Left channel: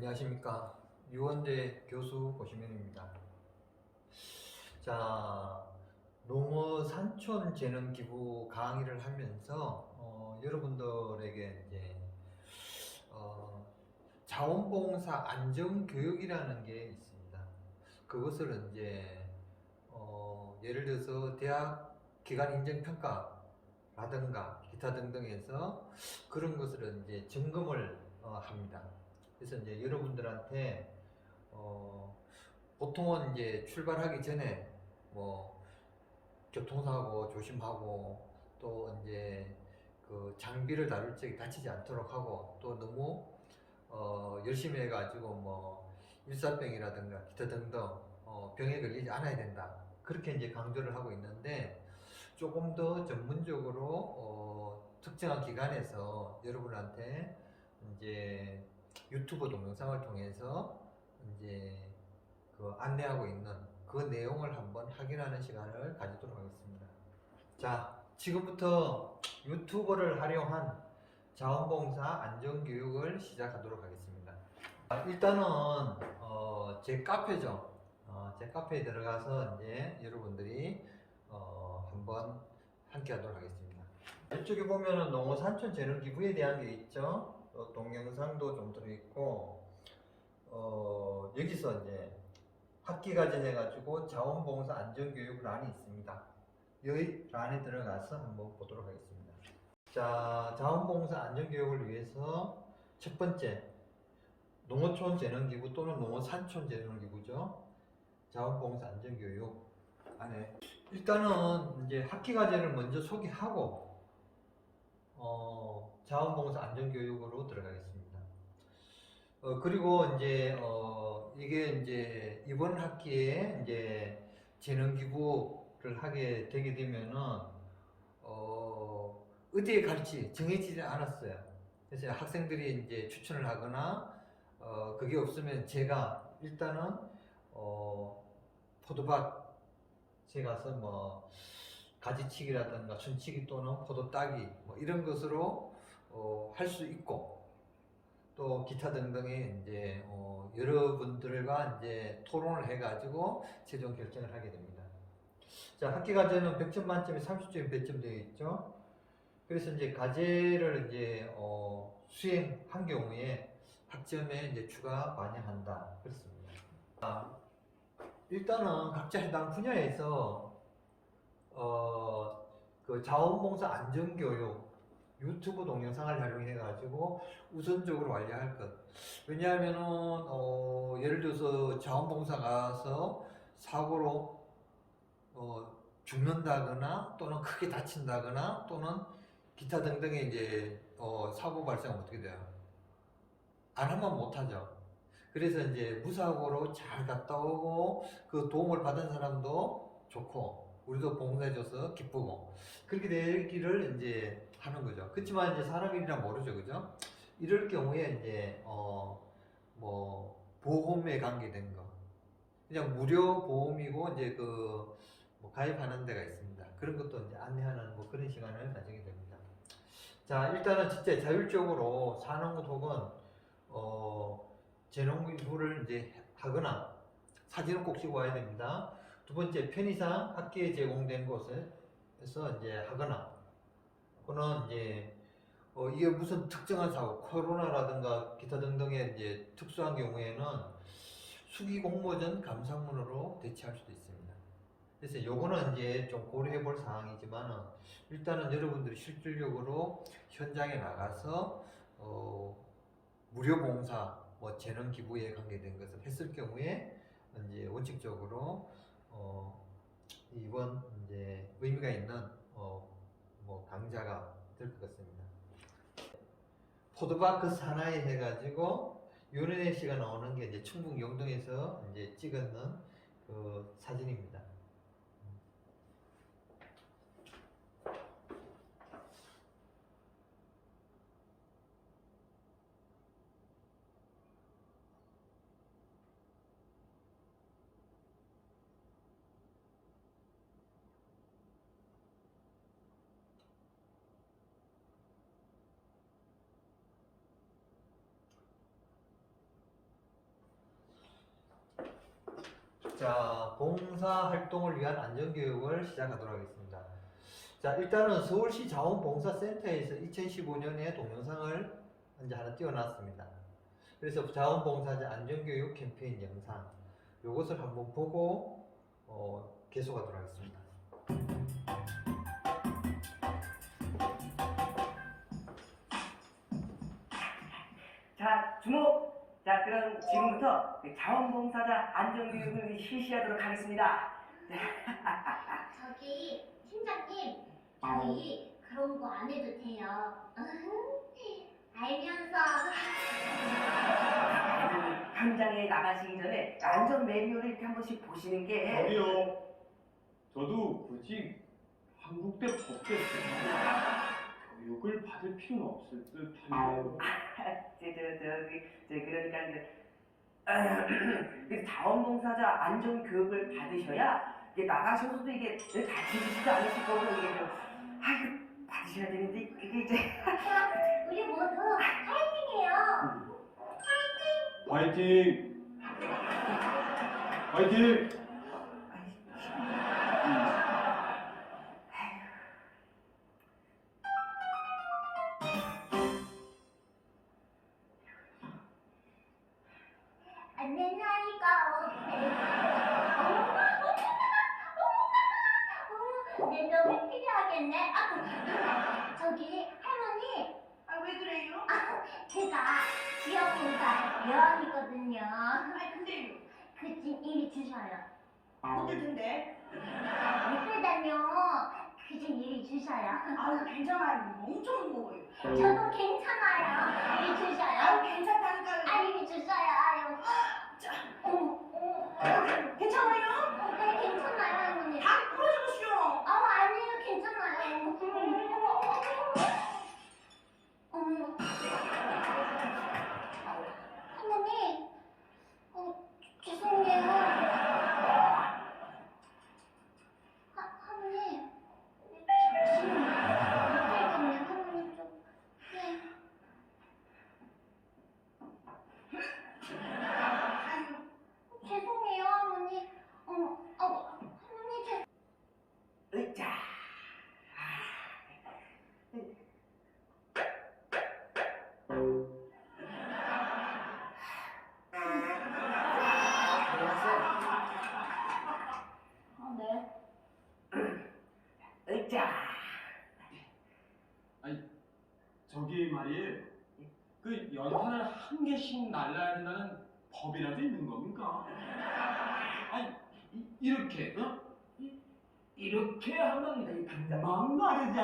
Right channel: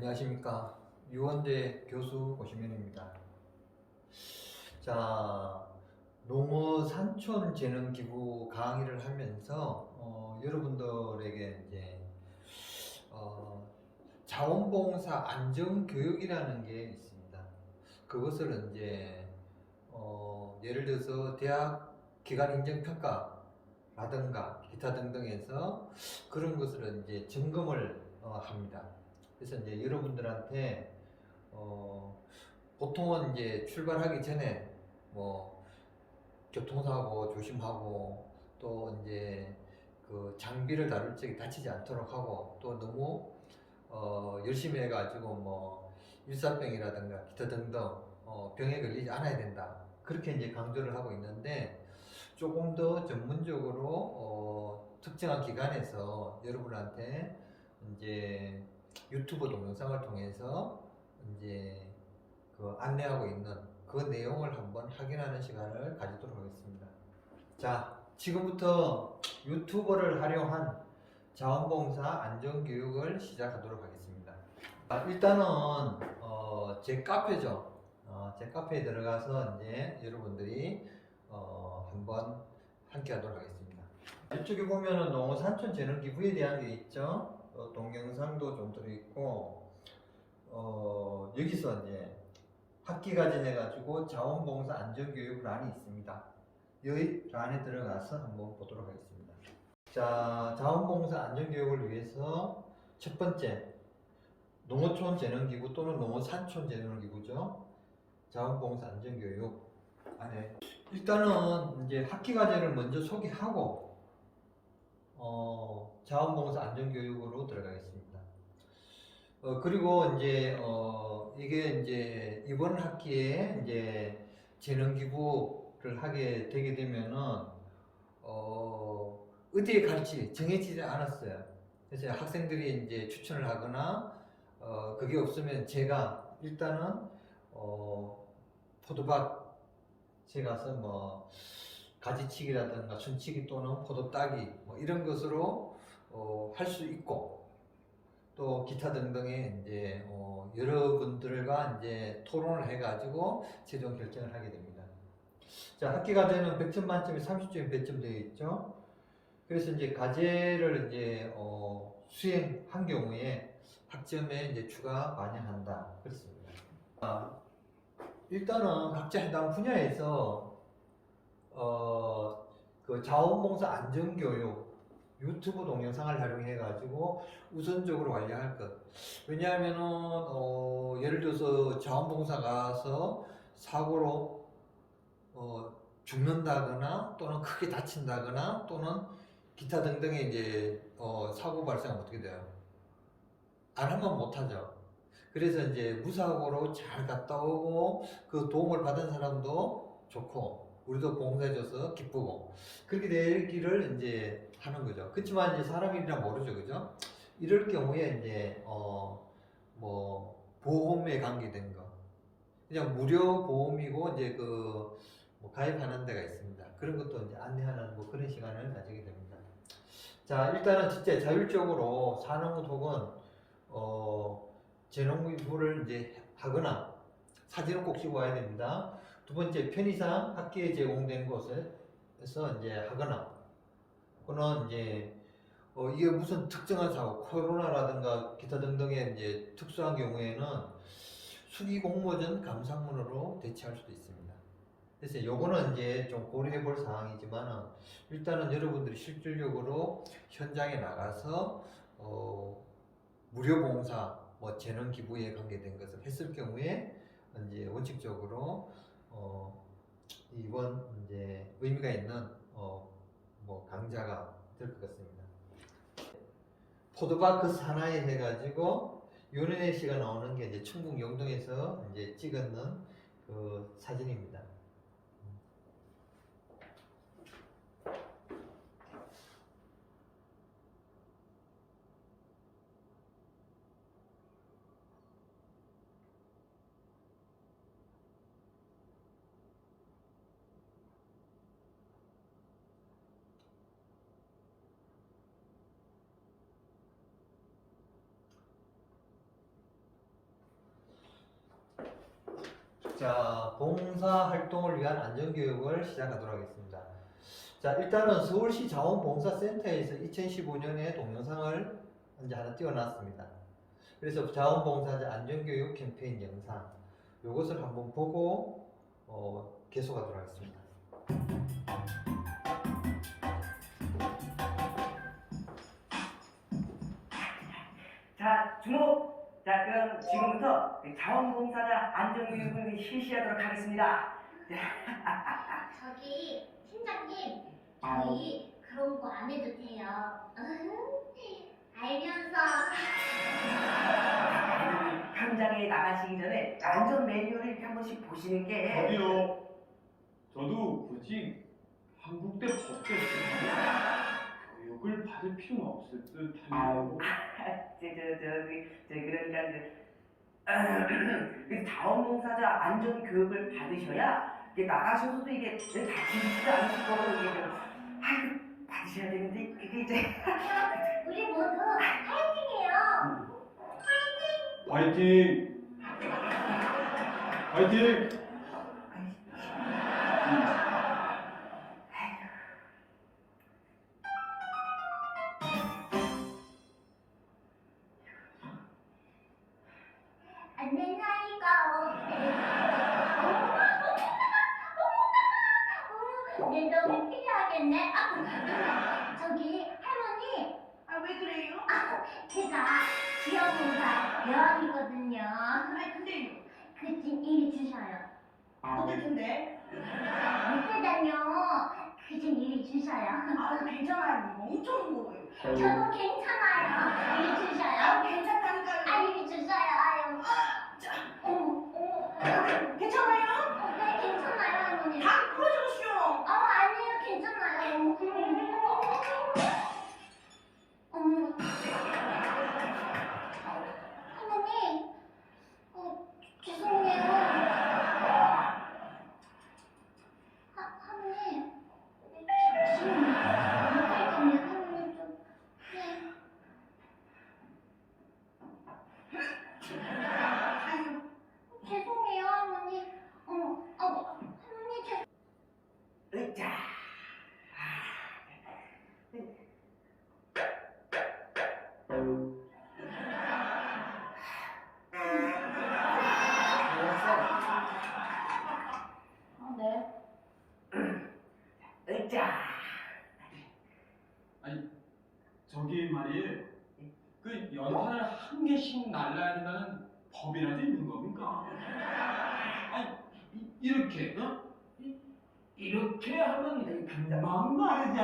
안녕하십니까. 유원대 교수 고시명입니다. 자, 농어 산촌 재능 기부 강의를 하면서, 어, 여러분들에게 이제, 어, 자원봉사 안전 교육이라는 게 있습니다. 그것을 이제, 어, 예를 들어서 대학 기관 인정평가라든가 기타 등등에서 그런 것을 이제 점검을 어, 합니다. 그래서 이제 여러분들한테 어, 보통은 이제 출발하기 전에 뭐 교통사고 조심하고 또 이제 그 장비를 다룰 적에 다치지 않도록 하고 또 너무 어, 열심히 해가지고 뭐 일사병이라든가 기타 등등 어, 병에 걸리지 않아야 된다. 그렇게 이제 강조를 하고 있는데 조금 더 전문적으로 어, 특정한 기관에서 여러분한테 이제 유튜브 동영상을 통해서 이제 그 안내하고 있는 그 내용을 한번 확인하는 시간을 가지도록 하겠습니다. 자, 지금부터 유튜버를 활용한 자원봉사 안전교육을 시작하도록 하겠습니다. 자, 일단은 어, 제 카페죠. 어, 제 카페에 들어가서 이제 여러분들이 어, 한번 함께 하도록 하겠습니다. 이쪽에 보면은 농어산촌 재능기부에 대한 게 있죠. 어, 동영상도 좀 들어있고, 어, 여기서 이제 학기과정 해가지고 자원봉사 안전교육 란이 있습니다. 여기 란에 들어가서 한번 보도록 하겠습니다. 자, 자원봉사 안전교육을 위해서 첫 번째, 농어촌 재능기부 또는 농어산촌 재능기부죠. 자원봉사 안전교육 안에 일단은 이제 학기과정을 먼저 소개하고 어, 자원봉사 안전교육으로 들어가겠습니다. 어, 그리고 이제 어, 이게 이제 이번 학기에 이제 재능 기부를 하게 되게 되면은 어, 어디에 갈지 정해지지 않았어요. 그래서 학생들이 이제 추천을 하거나 어, 그게 없으면 제가 일단은 어, 포도밭에 가서 뭐 가지치기라든가 순치기 또는 포도 따기 뭐 이런 것으로 어, 할 수 있고 또 기타 등등의 이제 어, 여러분들과 이제 토론을 해가지고 최종 결정을 하게 됩니다. 자 학기 과제는 100점 만점에 30점이 배점되어 있죠. 그래서 이제 과제를 이제 어, 수행한 경우에 학점에 이제 추가 반영한다 그렇습니다. 아, 일단은 각자 해당 분야에서 어, 그 자원봉사 안전교육 유튜브 동영상을 활용해 가지고 우선적으로 관리할 것. 왜냐하면은 어, 예를 들어서 자원봉사 가서 사고로 어, 죽는다거나 또는 크게 다친다거나 또는 기타 등등의 이제 어, 사고 발생하면 어떻게 돼요? 안 하면 못 하죠. 그래서 이제 무사고로 잘 갔다 오고 그 도움을 받은 사람도 좋고 우리도 봉사해줘서 기쁘고 그렇게 되기를 이제 하는 거죠. 그렇지만 이제 사람이라 모르죠, 그죠? 이럴 경우에 이제 어 뭐 보험에 관계된 거 그냥 무료 보험이고 이제 그 뭐 가입하는 데가 있습니다. 그런 것도 이제 안내하는 뭐 그런 시간을 가지게 됩니다. 자 일단은 진짜 자율적으로 산업 혹은 어 재농부를 이제 하거나 사진을 꼭 찍어 와야 됩니다. 두 번째 편의상 학계에 제공된 곳에서 이제 하거나 또는 이제 어 이게 무슨 특정한 사고 코로나라든가 기타 등등의 이제 특수한 경우에는 수기 공모전 감상문으로 대체할 수도 있습니다. 그래서 요거는 이제 좀 고려해 볼 사항이지만은 일단은 여러분들이 실질적으로 현장에 나가서 어 무료 봉사 뭐 재능 기부에 관계된 것을 했을 경우에 이제 원칙적으로 어 이번 이제 의미가 있는 어 뭐 강자가 될 것 같습니다. 포도밭 그 산하에 해가지고 윤은혜 씨가 나오는 게 이제 충북 영동에서 이제 찍었는 그 사진입니다. 봉사 활동을 위한 안전교육을 시작하도록 하겠습니다. 자, 일단은 서울시 자원봉사센터에서 2015년에 동영상을 이제 하나 띄워놨습니다. 그래서 자원봉사자 안전교육 캠페인 영상, 요것을 한번 보고, 어, 계속하도록 하겠습니다. 자, 주목! 자, 그럼 지금부터 자원봉사자 안전교육을 실시하도록 하겠습니다. 저기 팀장님 저희 그런 거 안 해도 돼요. 알면서. 현장에 나가시기 전에 안전 매뉴얼을 이렇게 한 번씩 보시는 게 저기요. 저도 굳이 한국대 법대 교육을 받을 필요는 없을 듯 한데요. 저, 저, 저기, 저, 그러니까 이제 그 자원봉사자 안전 교육을 받으셔야 이게 나가셔서도 이게 다치지도 않으실 거고 좀 아이고 받으셔야 되는데 그게 이제 우리 모두 파이팅해요 화이팅! 화이팅! 안내 어쨌든데? 밑에다녀 그좀 일이 주셔요. 아 괜찮아요. 엄청 무거워요. 저도 괜찮아요. 일이 아 주셔요. 괜찮다니까요. 아 일이 주셔요. 아유. 어, 어, 괜찮아요? 하면 금방 마르지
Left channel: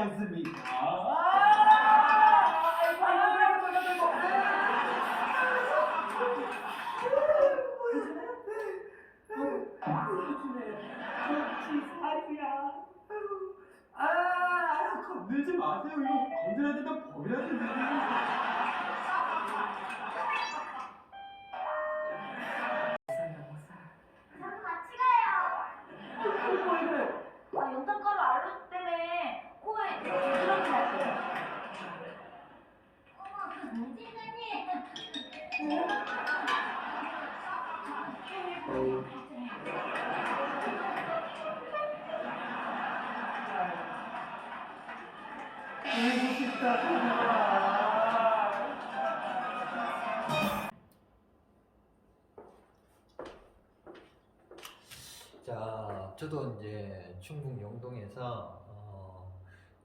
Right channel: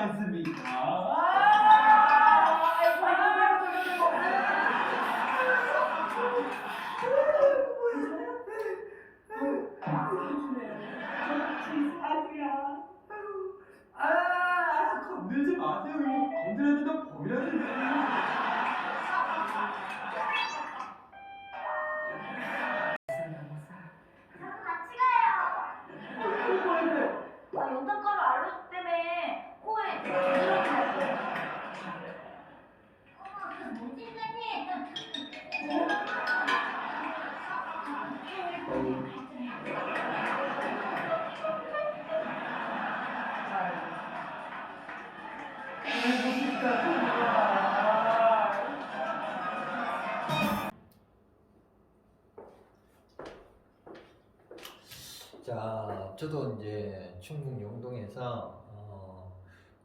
저도 이제 충북 영동에서 어,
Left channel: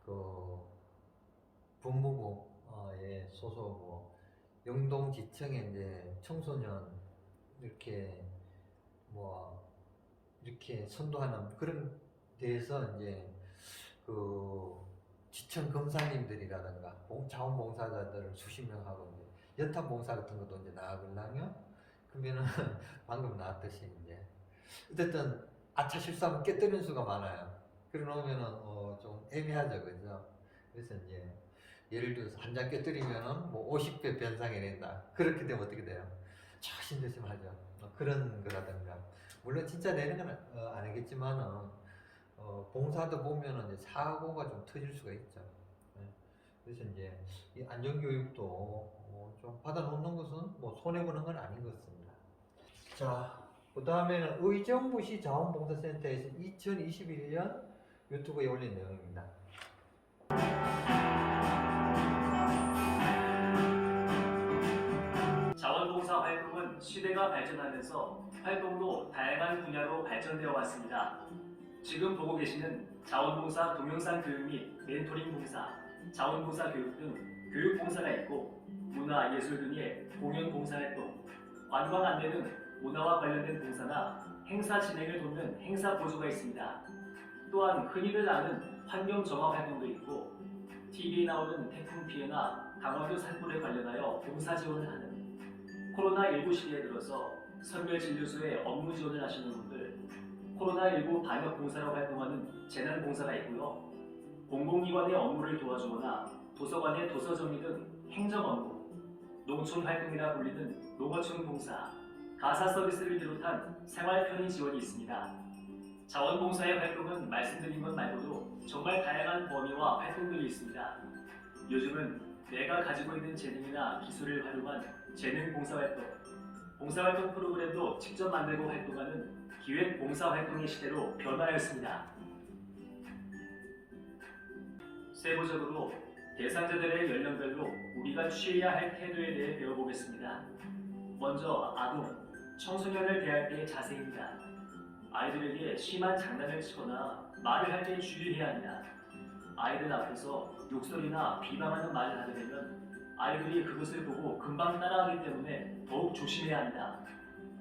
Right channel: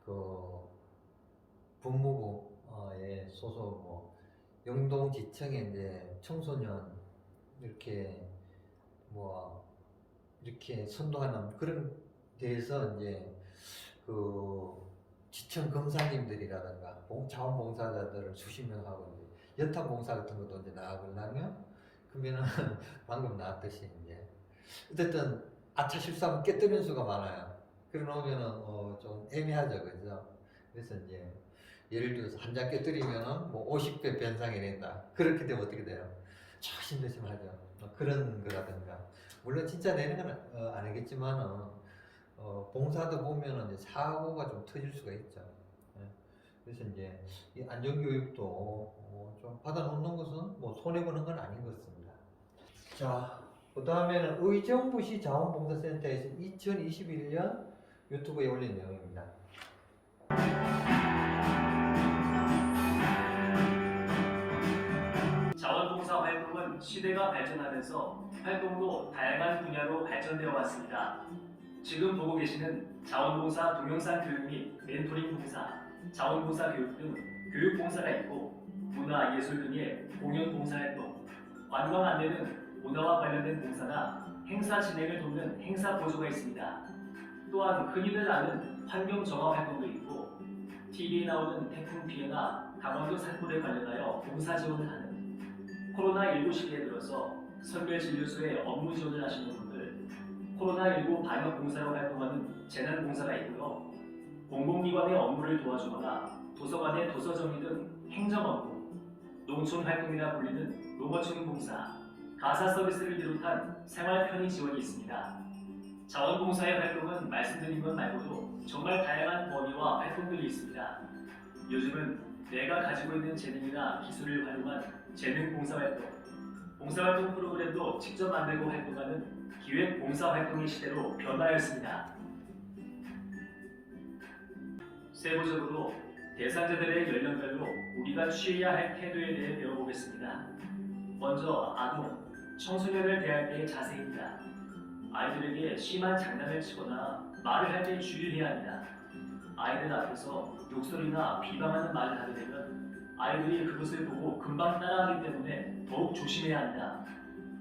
그 법무부에 소속으로 영동지청에 이제 청소년 이렇게 뭐 이렇게 선도하는 그런 데에서 이제 그 지청 검사님들이라든가 봉- 자원봉사자들을 수십 명 하고 이제 연탄 봉사 같은 것도 이제 나가려면 그러면은 방금 나왔듯이 이제 어쨌든 아차 실수하면 깨뜨리는 수가 많아요. 그래 놓으면은 어, 좀 애매하죠, 그죠? 그래서 이제 예를 들어서 한 장 깨뜨리면은 뭐 50배 변상이 된다. 그렇게 되면 어떻게 돼요? 조심조심하죠. 뭐 그런 거라든가. 물론 진짜 내는 건 어, 아니겠지만은 어, 봉사도 보면은 이제 사고가 좀 터질 수가 있죠. 예. 그래서 이제 이 안전교육도 어, 좀 받아놓는 것은 뭐 손해 보는 건 아닌 것 같습니다. 자, 그 다음에는 의정부시 자원봉사센터에서 2021년 유튜브에 올린 내용입니다. 자원봉사 활동은 시대가 발전하면서 활동도 다양한 분야로 발전되어 왔습니다. 지금 보고 계시는 자원봉사 동영상 교육 및 멘토링 봉사, 자원봉사 교육 등 교육 봉사가 있고 문화, 예술 등의 공연 봉사 활동, 관광 안내는 문화와 관련된 봉사나 행사 진행을 돕는 행사 보조가 있습니다. 또한 흔히들 아는 환경 정화 활동도 있고 TV에 나오는 태풍 피해나 강원도 산불에 관련하여 봉사 지원을 하는 코로나19 시기에 들어서 선별진료소에 업무 지원을 하시는 분들, 코로나19 방역 봉사로 활동하는 재난봉사가 있고요. 공공기관의 업무를 도와주거나 도서관의 도서 정리 등 행정 업무, 농촌 활동이라 불리는 농어촌 봉사, 가사 서비스를 비롯한 생활 편의 지원이 있습니다. 자원봉사의 활동은 말씀드린 것 말고도 정말 다양한 범위와 활동들이 있습니다. 요즘은 내가 가지고 있는 재능이나 기술을 활용한 재능 봉사활동, 봉사활동 프로그램도 직접 만들고 활동하는 기획 봉사활동의 시대로 변화했습니다. 세부적으로 대상자들의 연령별로 우리가 취해야 할 태도에 대해 배워보겠습니다. 먼저 아동, 청소년을 대할 때의 자세입니다. 아이들에게 심한 장난을 치거나 말을 할 때 주의해야 합니다. 아이들 앞에서 욕설이나 비방하는 말을 하게 되면 아이들이 그것을 보고 금방 따라하기 때문에 더욱 조심해야 한다.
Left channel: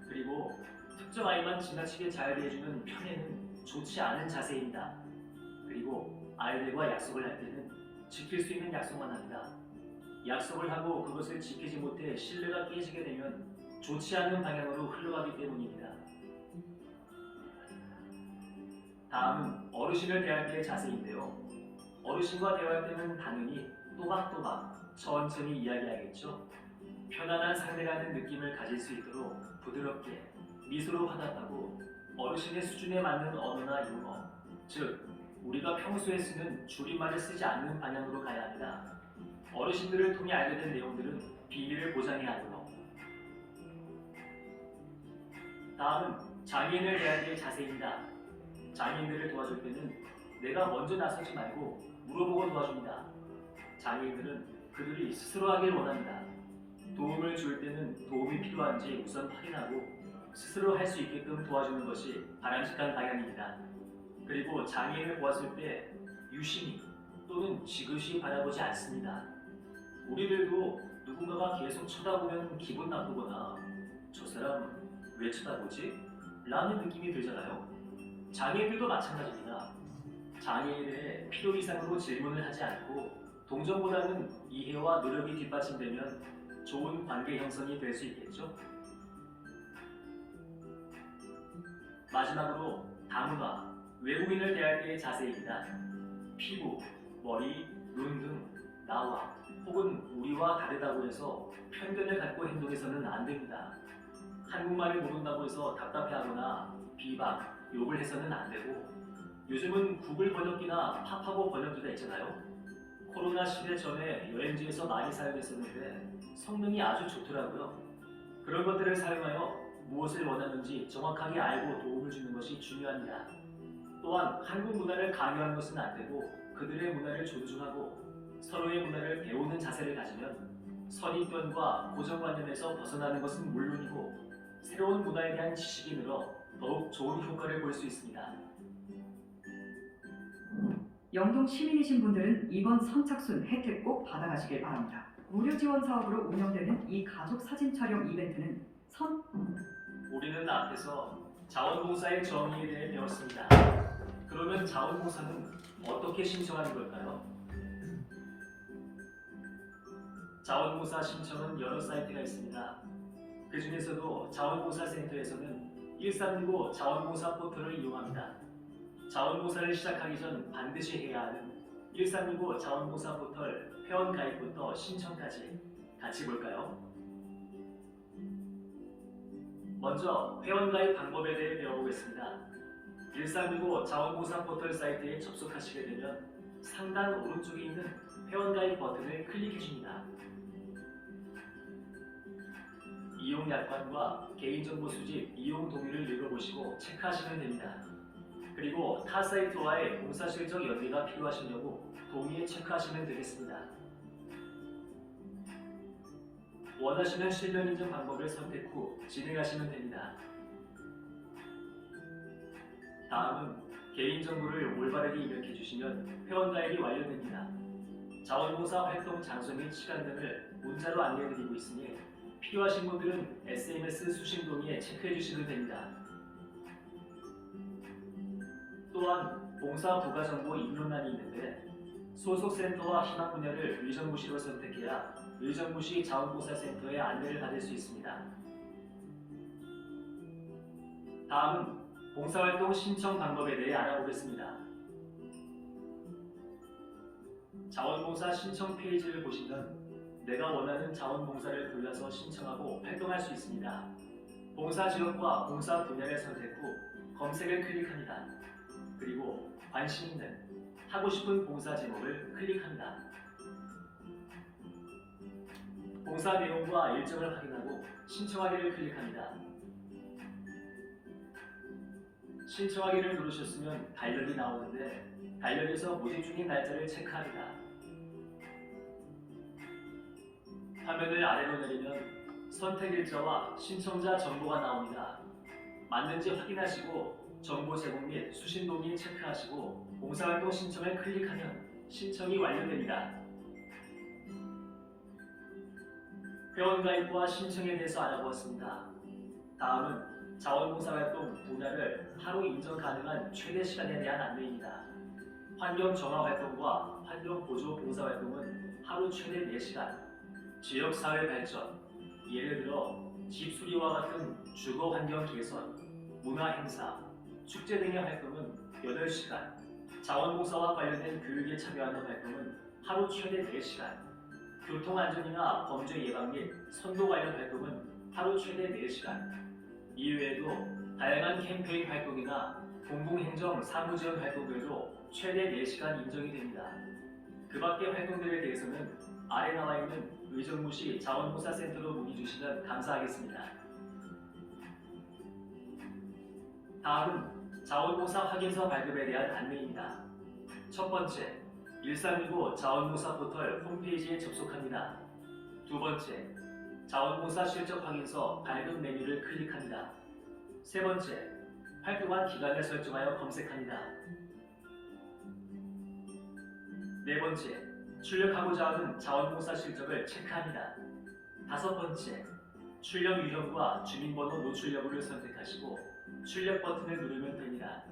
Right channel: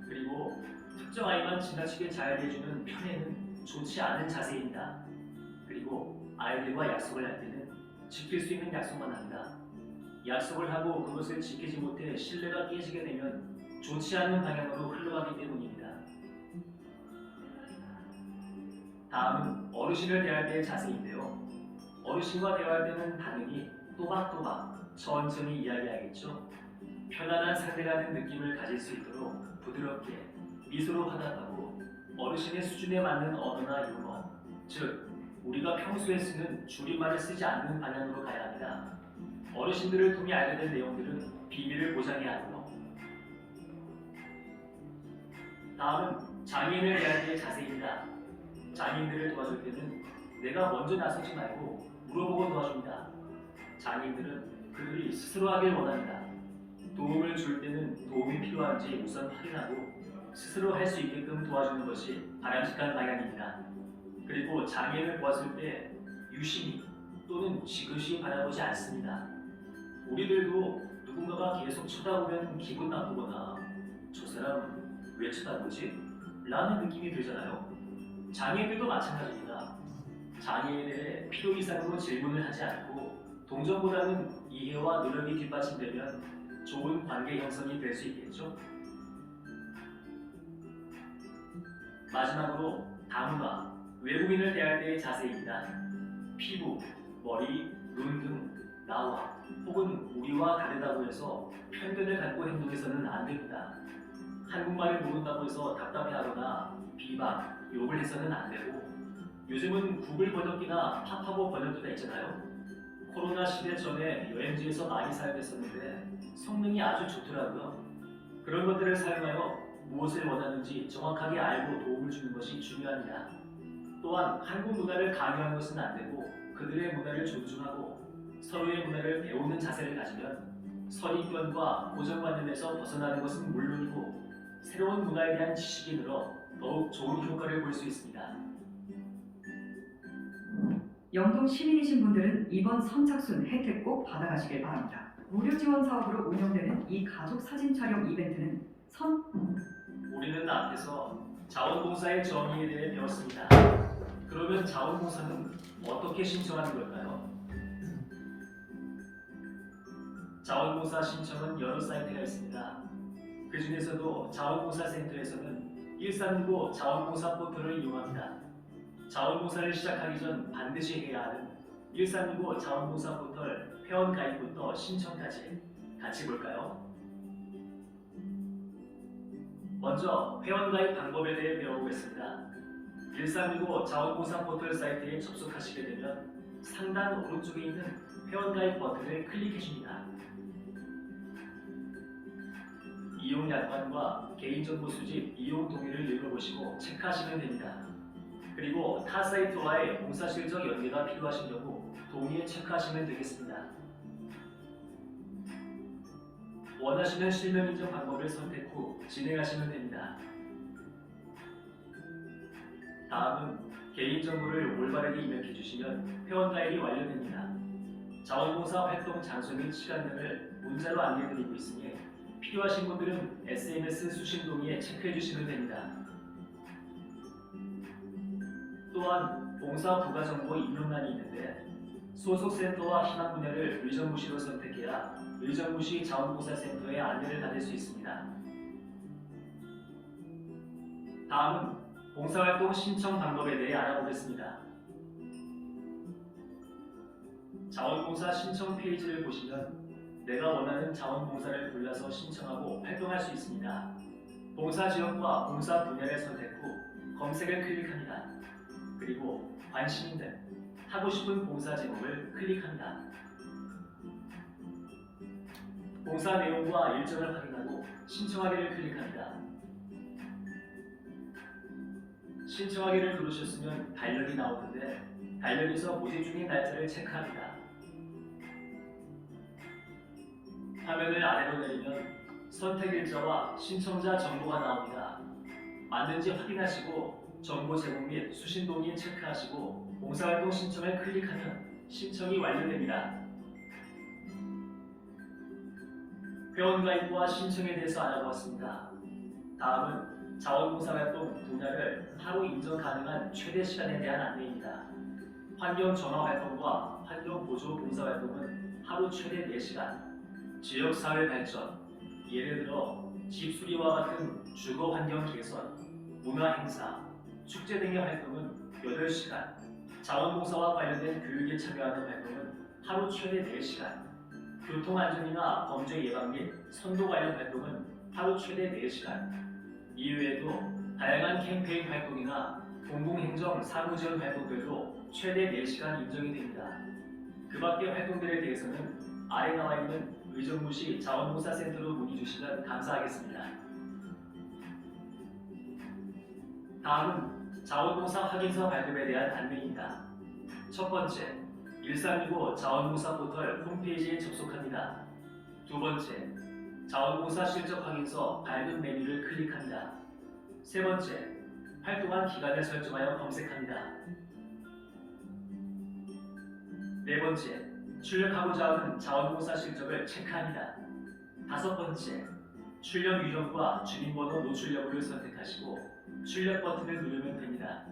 그리고 특정 아이만 지나치게 잘 대해주는 편애는 좋지 않은 자세입니다. 그리고 아이들과 약속을 할 때는 지킬 수 있는 약속만 합니다. 약속을 하고 그것을 지키지 못해 신뢰가 깨지게 되면 좋지 않은 방향으로 흘러가기 때문입니다. 다음은 어르신을 대할 때의 자세인데요. 어르신과 대화할 때는 당연히 또박또박 천천히 이야기하겠죠. 편안한 상대라는 느낌을 가질 수 있도록 부드럽게 미소로 화답하고 어르신의 수준에 맞는 언어나 유머, 즉 우리가 평소에 쓰는 줄임말을 쓰지 않는 방향으로 가야 합니다. 어르신들을 통해 알게 된 내용들은 비밀을 보장해야 하고 다음은 장애인을 대할 때의 자세입니다. 장애인들을 도와줄 때는 내가 먼저 나서지 말고 물어보고 도와줍니다. 장애인들은 그들이 스스로 하길 원합니다. 도움을 줄 때는 도움이 필요한지 우선 확인하고 스스로 할 수 있게끔 도와주는 것이 바람직한 방향입니다. 그리고 장애인을 보았을 때 유심히 또는 지그시 바라보지 않습니다. 우리들도 누군가가 계속 쳐다보면 기분 나쁘거나 저 사람 왜 쳐다보지? 라는 느낌이 들잖아요. 장애인들도 마찬가지입니다. 장애에 대해 필요 이상으로 질문을 하지 않고 동정보다는 이해와 노력이 뒷받침되면 좋은 관계 형성이 될 수 있겠죠. 마지막으로 다문화, 외국인을 대할 때의 자세입니다. 피부, 머리, 눈 등 나와 혹은 우리와 다르다고 해서 편견을 갖고 행동해서는 안 됩니다. 한국말을 모른다고 해서 답답해하거나 비방, 욕을 해서는 안 되고 요즘은 구글 번역기나 파파고 번역기가 있잖아요. 코로나 시대 전에 여행지에서 많이 사용했었는데 성능이 아주 좋더라고요. 그런 것들을 사용하여 무엇을 원하는지 정확하게 알고 도움을 주는 것이 중요합니다. 또한 한국 문화를 강요하는 것은 안 되고 그들의 문화를 존중하고 서로의 문화를 배우는 자세를 가지면 선입견과 고정관념에서 벗어나는 것은 물론이고 새로운 문화에 대한 지식이 늘어 더욱 좋은 효과를 볼 수 있습니다. 영동 시민이신 분들은 이번 선착순 혜택 꼭 받아가시길 바랍니다. 무료 지원 사업으로 운영되는 이 가족 사진 촬영 이벤트는 선 우리는 앞에서 자원봉사의 정의에 대해 배웠습니다. 그러면 자원봉사는 어떻게 신청하는 걸까요? 자원봉사 신청은 여러 사이트가 있습니다. 그 중에서도 자원봉사센터에서는 1365 자원봉사 포털을 이용합니다. 자원봉사를 시작하기 전 반드시 해야 하는 1365 자원봉사 포털 회원 가입부터 신청까지 같이 볼까요? 먼저 회원 가입 방법에 대해 배워보겠습니다. 1365 자원봉사 포털 사이트에 접속하시게 되면 상단 오른쪽에 있는 회원가입 버튼을 클릭해 줍니다. 이용 약관과 개인정보 수집, 이용 동의를 읽어보시고 체크하시면 됩니다. 그리고 타 사이트와의 공사 실적 연계가 필요하신 경우 동의에 체크하시면 되겠습니다. 원하시는 실명 인증 방법을 선택 후 진행하시면 됩니다. 다음은 개인정보를 올바르게 입력해 주시면 회원 가입이 완료됩니다. 자원봉사 활동 장소 및 시간 등을 문자로 안내드리고 있으니 필요하신 분들은 SMS 수신 동의에 체크해 주시면 됩니다. 또한 봉사 부가 정보 입력란이 있는데 소속 센터와 희망 분야를 의정부시로 선택해야 의정부시 자원봉사센터에 안내를 받을 수 있습니다. 다음은 봉사활동 신청 방법에 대해 알아보겠습니다. 자원봉사 신청 페이지를 보시면 내가 원하는 자원봉사를 골라서 신청하고 활동할 수 있습니다. 봉사 지역과 봉사 분야를 선택 후 검색을 클릭합니다. 그리고 관심 있는 하고 싶은 봉사 제목을 클릭합니다. 봉사 내용과 일정을 확인하고 신청하기를 클릭합니다. 신청하기를 누르셨으면 달력이 나오는데 달력에서 모집 중인 날짜를 체크합니다. 화면을 아래로 내리면 선택 일자와 신청자 정보가 나옵니다. 맞는지 확인하시고 정보 제공 및 수신 동의 체크하시고 봉사활동 신청을 클릭하면 신청이 완료됩니다. 회원 가입과 신청에 대해서 알아보았습니다. 다음은 자원봉사활동 분야를 하루 인정 가능한 최대 시간에 대한 안내입니다. 환경 전화 활동과 환경 보조 봉사 활동은 하루 최대 4시간. 지역 사회 발전, 예를 들어 집 수리와 같은 주거 환경 개선, 문화 행사, 축제 등의 활동은 8시간. 자원봉사와 관련된 교육에 참여하는 활동은 하루 최대 4시간. 교통안전이나 범죄 예방 및 선도 관련 활동은 하루 최대 4시간. 이외에도 다양한 캠페인 활동이나 공공행정 사무지원 활동들도 최대 4시간 인정이 됩니다. 그 밖의 활동들에 대해서는 아래 나와 있는 의정부시 자원봉사센터로 문의 주시면 감사하겠습니다. 다음은 자원봉사 확인서 발급에 대한 안내입니다. 첫 번째, 1365 자원봉사 포털 홈페이지에 접속합니다. 두 번째, 자원봉사 실적 확인서 발급 메뉴를 클릭합니다. 세 번째, 활동한 기간을 설정하여 검색합니다. 네 번째, 출력하고자 하는 자원봉사 실적을 체크합니다. 다섯 번째, 출력 유형과 주민번호 노출 여부를 선택하시고 출력 버튼을 누르면 됩니다.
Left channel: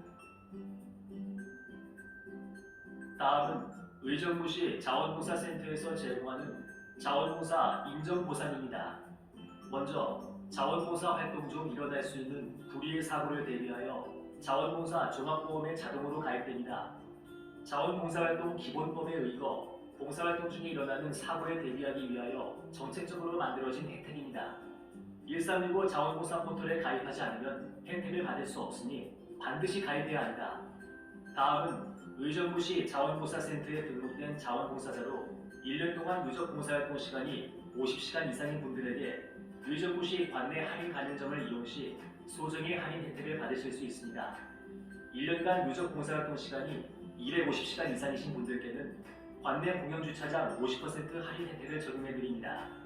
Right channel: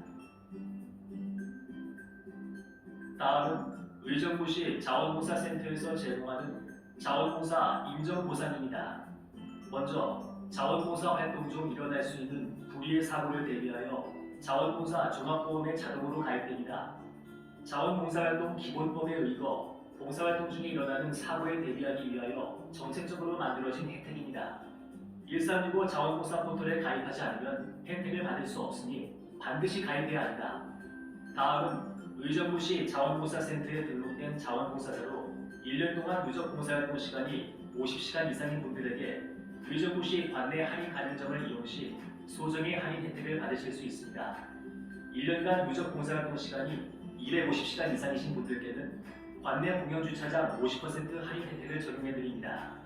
다음은 의정부시 자원봉사센터에서 제공하는 자원봉사 인정보상입니다. 먼저 자원봉사 활동 중 일어날 수 있는 불의의 사고를 대비하여 자원봉사 종합보험에 자동으로 가입됩니다. 자원봉사활동 기본법에 의거 봉사활동 중에 일어나는 사고에 대비하기 위하여 정책적으로 만들어진 혜택입니다. 1365 자원봉사 포털에 가입하지 않으면 혜택을 받을 수 없으니 반드시 가입해야 한다. 다음은 의정부 시 자원봉사센터에 등록된 자원봉사자로 1년 동안 누적 봉사활동 시간이 50시간 이상인 분들에게 의정부시 관내 할인 가맹점을 이용 시 소정의 할인 혜택을 받으실 수 있습니다. 1년간 누적 봉사활동 시간이 250시간 이상이신 분들께는 관내 공영 주차장 50% 할인 혜택을 적용해 드립니다.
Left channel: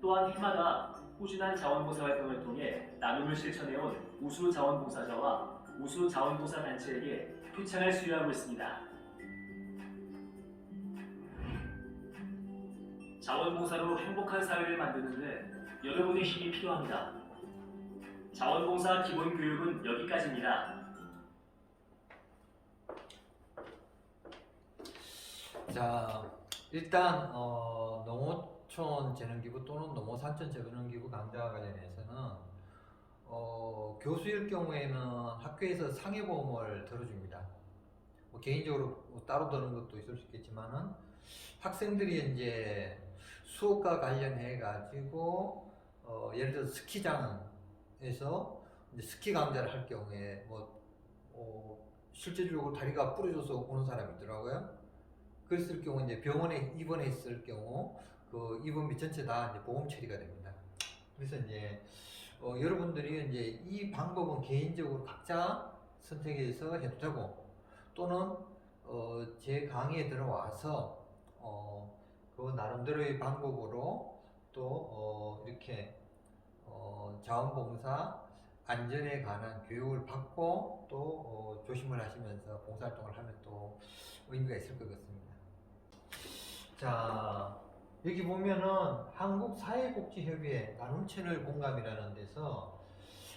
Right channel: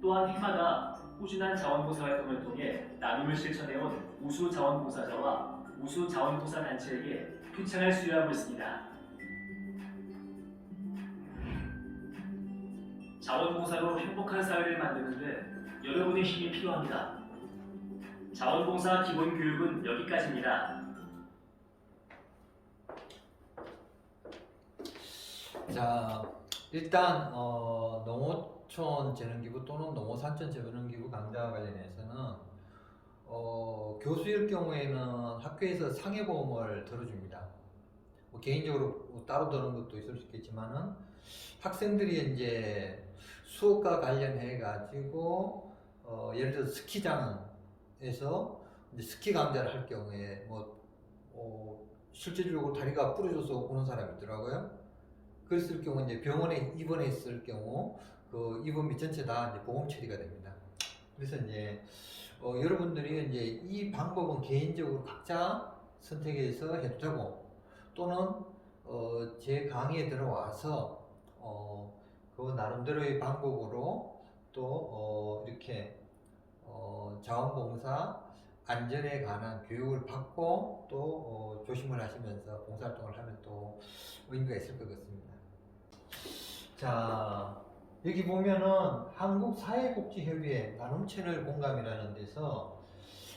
또한 해마다 꾸준한 자원봉사 활동을 통해 나눔을 실천해온 우수 자원봉사자와 우수 자원봉사 단체에게 표창을 수여하고 있습니다. 자원봉사로 행복한 사회를 만드는데 여러분의 힘이 필요합니다. 자원봉사 기본 교육은 여기까지입니다. 자, 일단 어, 농어촌 재능기부 또는 농어산촌 재능기부 강좌와 관련해서는 어, 교수일 경우에는 학교에서 상해보험을 들어줍니다. 뭐 개인적으로 뭐 따로 드는 것도 있을 수 있겠지만은 학생들이 이제 수업과 관련해 가지고 어, 예를 들어 스키장에서 스키 강좌를 할 경우에 뭐 어, 실질적으로 다리가 부러져서 오는 사람이 있더라고요. 그랬을 경우 이제 병원에 입원해 있을 경우 그 입원비 전체 다 이제 보험 처리가 됩니다. 그래서 이제 어, 여러분들이 이제 이 방법은 개인적으로 각자 선택해서 해도 되고 또는 어, 제 강의에 들어와서 어, 그 나름대로의 방법으로 또 어, 이렇게 어, 자원봉사 안전에 관한 교육을 받고 또 어, 조심을 하시면서 봉사활동을 하면 또 의미가 있을 것 같습니다. 자, 여기 보면은 한국사회복지협의회 나눔 채널 공감이라는 데서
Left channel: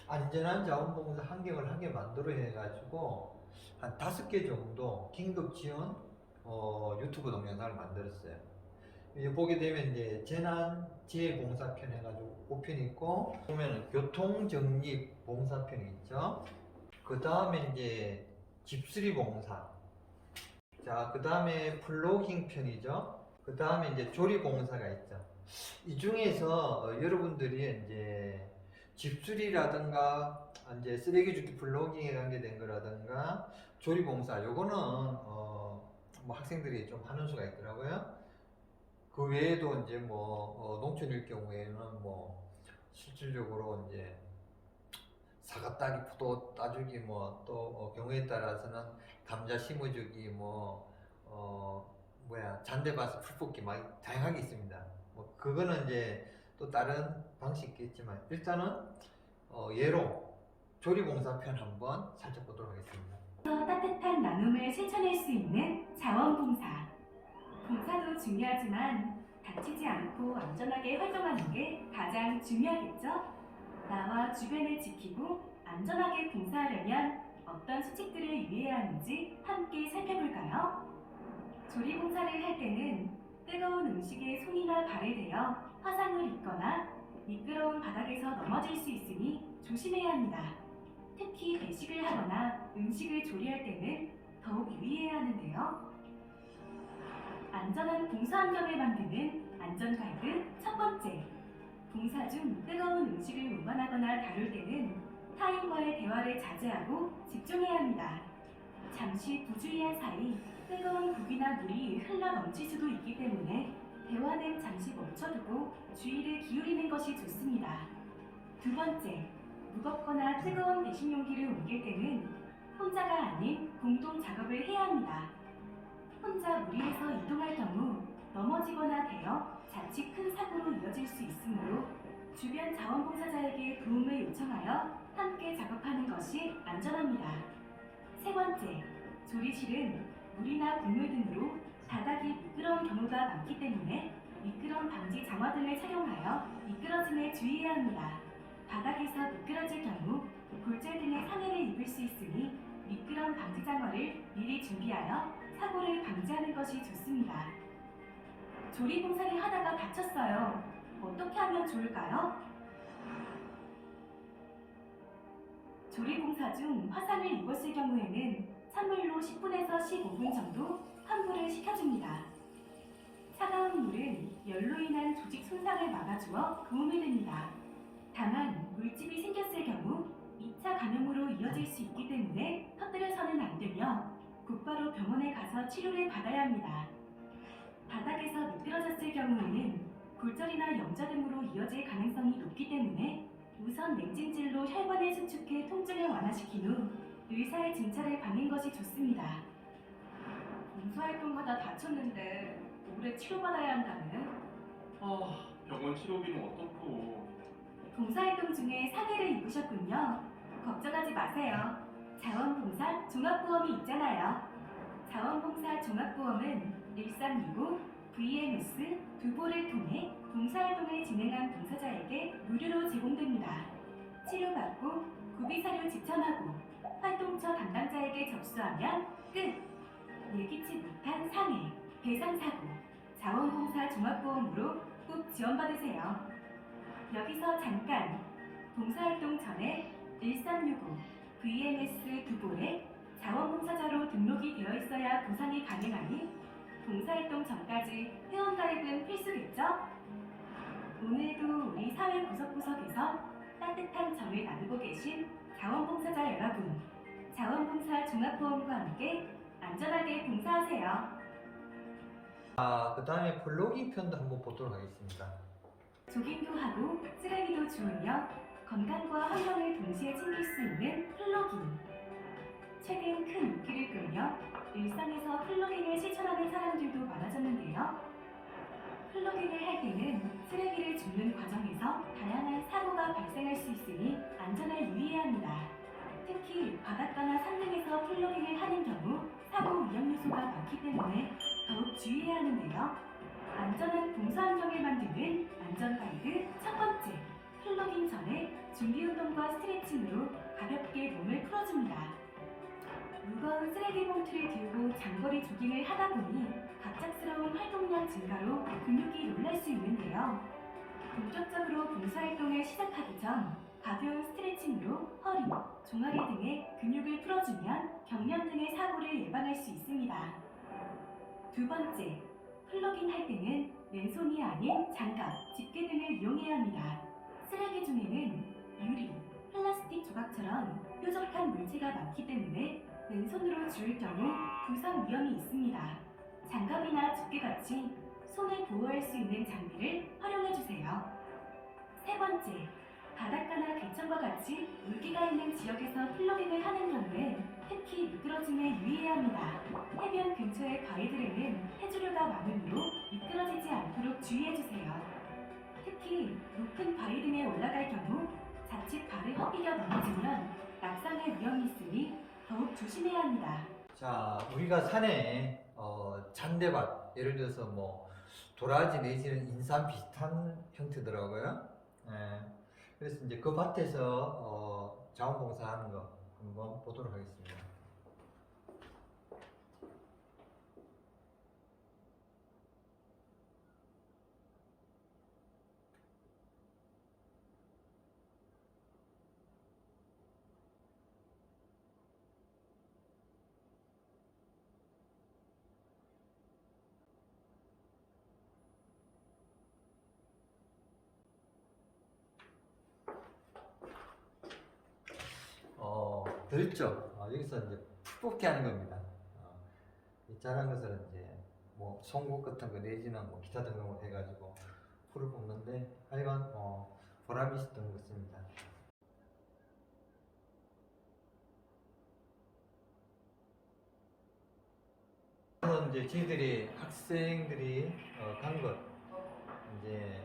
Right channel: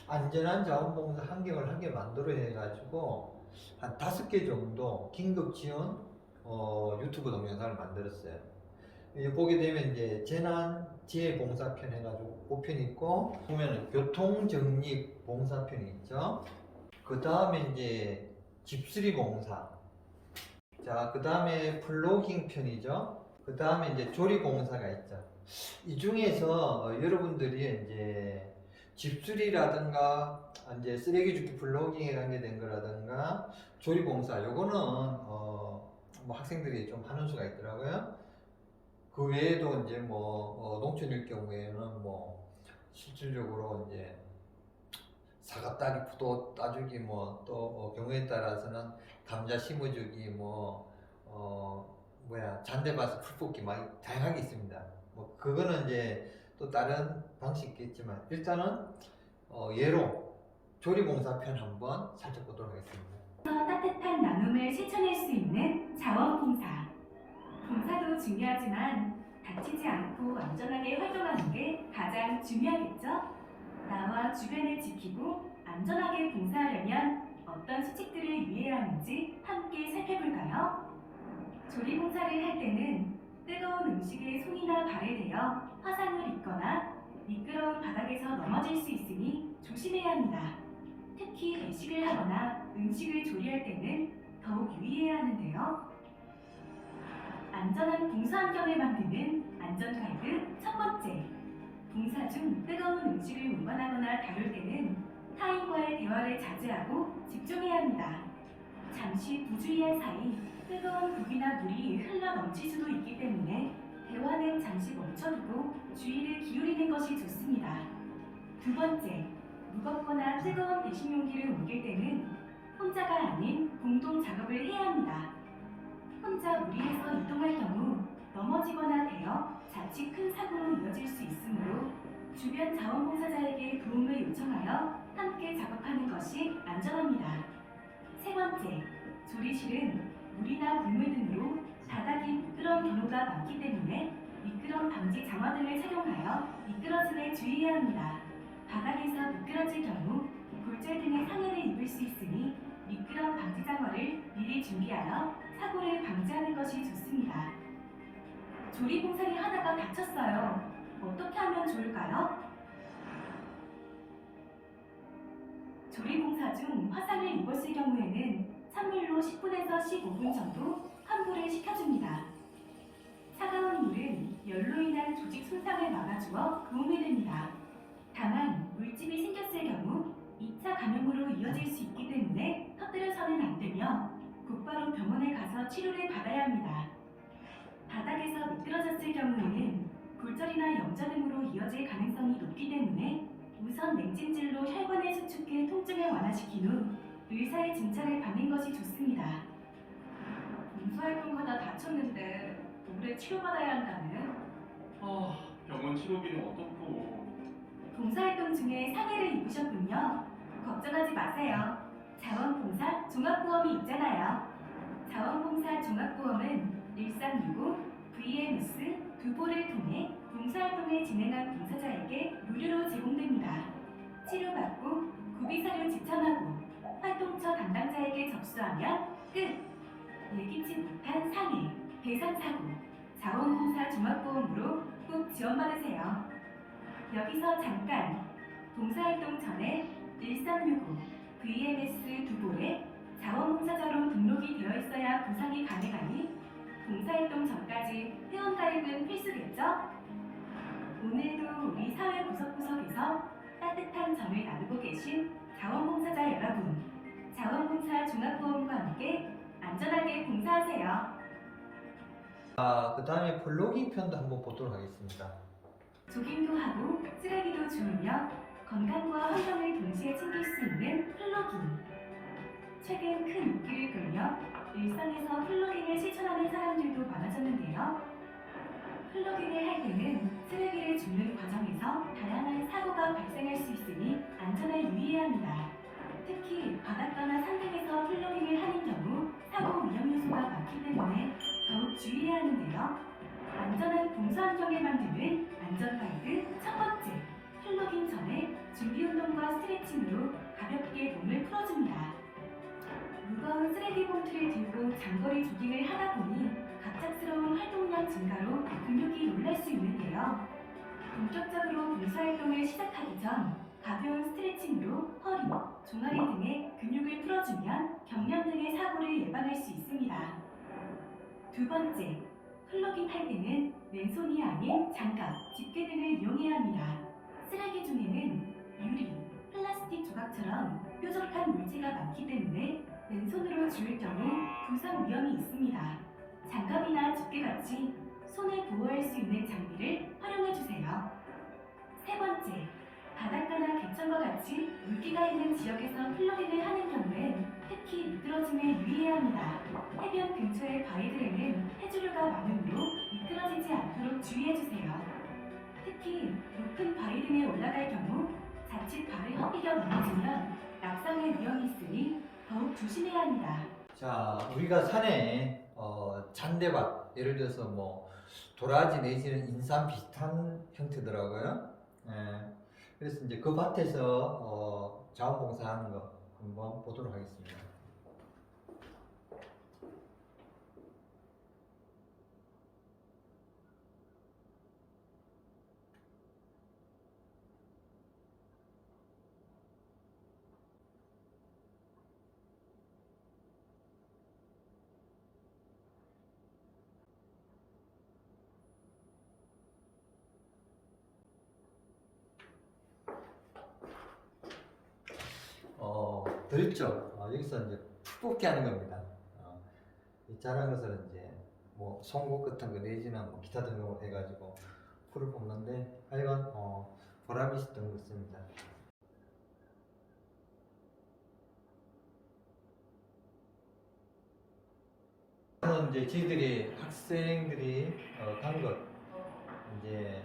안전한 자원봉사 환경을 한 개 만들어 해가지고 한 다섯 개 정도 긴급 지원 어, 유튜브 동영상을 만들었어요. 보게 되면 이제 재난 지혜 봉사편 해가지고 5편 있고 보면은 교통 정립 봉사편이 있죠. 그 다음에 이제 집수리 봉사. 자, 그 다음에 플로깅 편이죠. 그 다음에 이제 조리 봉사가 있죠. 이 중에서 어, 여러분들이 이제 집수리라든가 이제 쓰레기 줍기 플로깅에 관계된 거라든가 조리 봉사 요거는 어, 뭐 학생들이 좀 하는 수가 있더라고요. 그 외에도 이제 뭐 어, 농촌일 경우에는 뭐 실질적으로 이제 사과 따기, 포도 따주기 뭐또 경우에 따라서는 감자 심어주기 뭐 어, 뭐야 잔대밭에 풀 뽑기 막 다양하게 있습니다. 뭐 그거는 이제 또 다른 방식이 있겠지만 일단은 어, 예로 조리봉사편 한번 살짝 보도록 하겠습니다. 따뜻한 나눔을 실천할 수 있는 자원봉사. 봉사도 중요하지만 다치지 않고 안전하게 활동하는 게 가장 중요하겠죠? 나와 주변을 지키고 안전하게 봉사하려면 어떤 수칙들을 유의해야 하는지 함께 살펴볼까요? 조리 봉사를 할 때는 뜨거운 음식에 손이나 발에 대어 화상을 입거나 미끄러운 바닥에서 넘어질 수 있으니 조심해야 합니다. 특히 배식을 하거나 음식을 조리할 때는 더욱 유의해야 하는데요. 안전한 봉사 환경을 만드는 안전 가이드 첫 번째. 봉사 중 뜨거운 음식을 운반하거나 다룰 때는 타인과의 대화를 자제하고 집중해야 합니다. 잠시 부주의한 사이 뜨거운 국이나 물이 흘러 넘칠 수도 있기 때문에 대화는 잠시 멈춰두고 주의를 기울이는 것이 좋습니다. 두 번째, 무겁거나 뜨거운 배식 용기를 옮길 때는 혼자가 아닌 공동 작업을 해야 합니다. 혼자 무리해서 이동할 경우 넘어지거나 되어 자칫 큰 사고로 이어질 수 있으므로 주변 자원봉사자에게 도움을 요청하여 함께 작업하는 것이 안전합니다. 세 번째, 조리실은 물이나 국물 등으로 바닥이 미끄러운 경우가 많기 때문에 미끄럼 방지 장화등을 착용하여 미끄러짐에 주의해야 합니다. 바닥에서 미끄러질 경우 골절 등의 상해를 입을 수 있으니 미끄럼 방지 장화를 미리 준비하여 사고를 방지하는 것이 좋습니다. 조리 봉사를 하다가 다쳤어요. 어떻게 하면 좋을까요? 조리 봉사 중 화상을 입었을 경우에는 찬물로 10분에서 15분 정도 환부를 시켜줍니다. 차가운 물은 열로 인한 조직 손상을 막아주어 도움이 됩니다. 다만 물집이 생겼을 경우 2차 감염으로 이어질 수 있기 때문에 터뜨려서는 안 되며 곧바로 병원에 가서 치료를 받아야 합니다. 바닥에서 미끄러졌을 경우에는 골절이나 염좌 등으로 이어질 가능성이 높기 때문에 우선 냉찜질로 혈관을 수축해 통증을 완화시킨 후 의사의 진찰을 받는 것이 좋습니다. 봉사활동하다 다쳤는데 오래 치료받아야 한다는 아, 병원 치료비는 어떻고? 봉사활동 중에 사기를 입으셨군요. 걱정하지 마세요. 자원봉사 종합보험이 있잖아요. 자원봉사 종합보험은 1365 VMS 두보를 통해 봉사활동을 진행한 봉사자에게 무료로 제공됩니다. 치료받고 구비사료 지참하고 활동처 담당자에게 접수하면 끝! 예기치 못한 상해, 배상사고, 자원봉사 종합보험으로 꼭 지원받으세요. 여기서 잠깐 봉사활동 전에 1365 VMS 두볼에 자원봉사자로 등록이 되어 있어야 보상이 가능하니 봉사활동 전까지 회원가입은 필수겠죠? 오늘도 우리 사회 구석구석에서 따뜻한 정을 나누고 계신 자원봉사자 여러분 봉사하세요. 아, 그 다음에 플로깅 편도 한번 보도록 하겠습니다. 조깅도 하고 쓰레기도 주우며 건강과 환경을 동시에 챙길 수 있는 플로깅. 최근 큰 인기를 끌며 일상에서 플로깅을 실천하는 사람들도 많아졌는데요. 플로깅을 할 때는 쓰레기를 줍는 과정에서 다양한 사고가 발생할 수 있으니 안전에 유의해야 합니다. 특히 바닷가나 산 등에서 플로깅을 하는 경우 사고 위험 요소가 많기 때문에 주의해야 하는데요. 안전한 봉사 환경을 만드는 안전 가이드 첫 번째, 플로깅 전에 준비 운동과 스트레칭으로 가볍게 몸을 풀어줍니다. 무거운 쓰레기 봉투를 들고 장거리 조깅을 하다 보니 갑작스러운 활동량 증가로 근육이 놀랄 수 있는데요. 본격적으로 봉사활동을 시작하기 전 가벼운 스트레칭으로 허리, 종아리 등의 근육을 풀어주면 경련 등의 사고를 예방할 수 있습니다. 두 번째, 플러깅 할 때는 맨손이 아닌 장갑, 집게 등을 이용해야 합니다. 쓰레기 중에는 유리, 플라스틱 조각처럼 뾰족한 물체가 많기 때문에 맨손으로 주울 경우 부상 위험이 있습니다. 장갑이나 집게같이 손을 보호할 수 있는 장비를 활용해 주세요. 세 번째, 바닷가나 개천과 같이 물기가 있는 지역에서 플러깅을 하는 경우엔 특히 미끄러짐에 유의해야 합니다. 해변 근처의 바위들에는 해조류가 많으므로 미끄러지지 않도록 주의해 주세요. 특히 높은 바위 등에 올라갈 경우 자칫 발을 헛디뎌 넘어지면 낙상의 위험이 있으니 더욱 조심해야 합니다. 자, 우리가 산에 어, 잔대밭, 예를 들어서 뭐 도라지 내지는 인삼 비슷한 형태더라고요. 예. 그래서 이제 그 밭에서 어, 자원봉사하는 거 한번 보도록 하겠습니다. 어, 들었죠? 어, 여기서 이제 푸게 하는 겁니다. 어, 이 자란 것을 이제 뭐 송곳 같은 거 내지는 뭐 기타 등등을 해가지고 풀을 뽑는데 하여간 어, 보람이 있었던 것 같습니다. 저는 이제 저희들이 학생들이 어, 간것 이제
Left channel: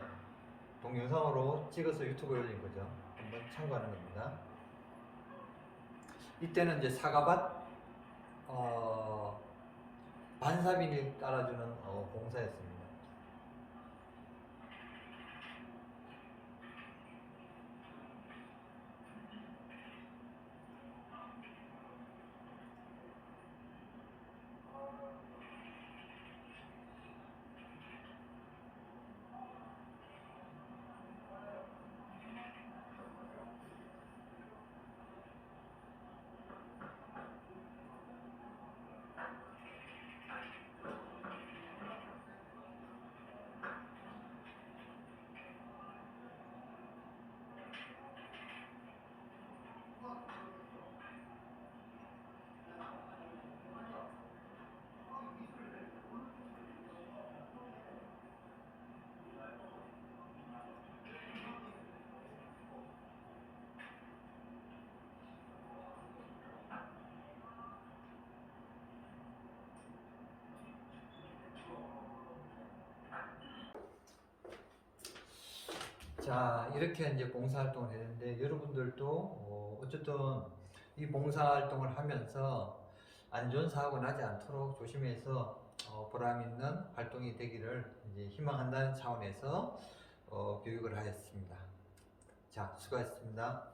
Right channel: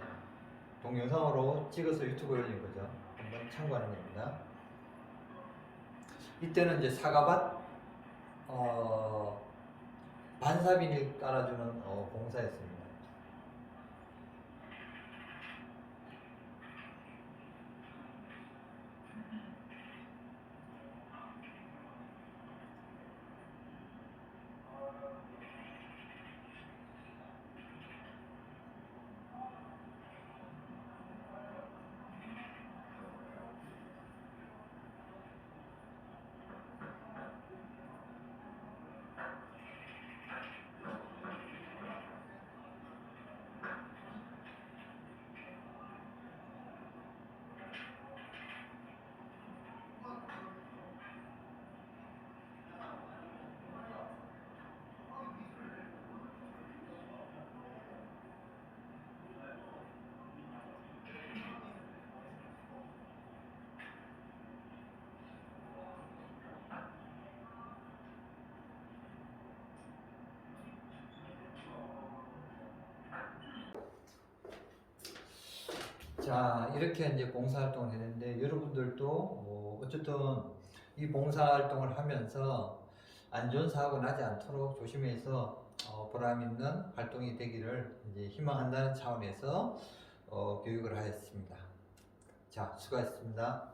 동영상으로 찍어서 유튜브에 올린 거죠. 한번 참고하는 겁니다. 이때는 이제 사과밭 어, 반사비닐 깔아주는 어, 공사였습니다. 자, 이렇게 이제 봉사활동을 했는데, 여러분들도, 어, 어쨌든 이 봉사활동을 하면서 안 좋은 사고 나지 않도록 조심해서, 어, 보람 있는 활동이 되기를 이제 희망한다는 차원에서, 어, 교육을 하였습니다. 자, 수고하셨습니다.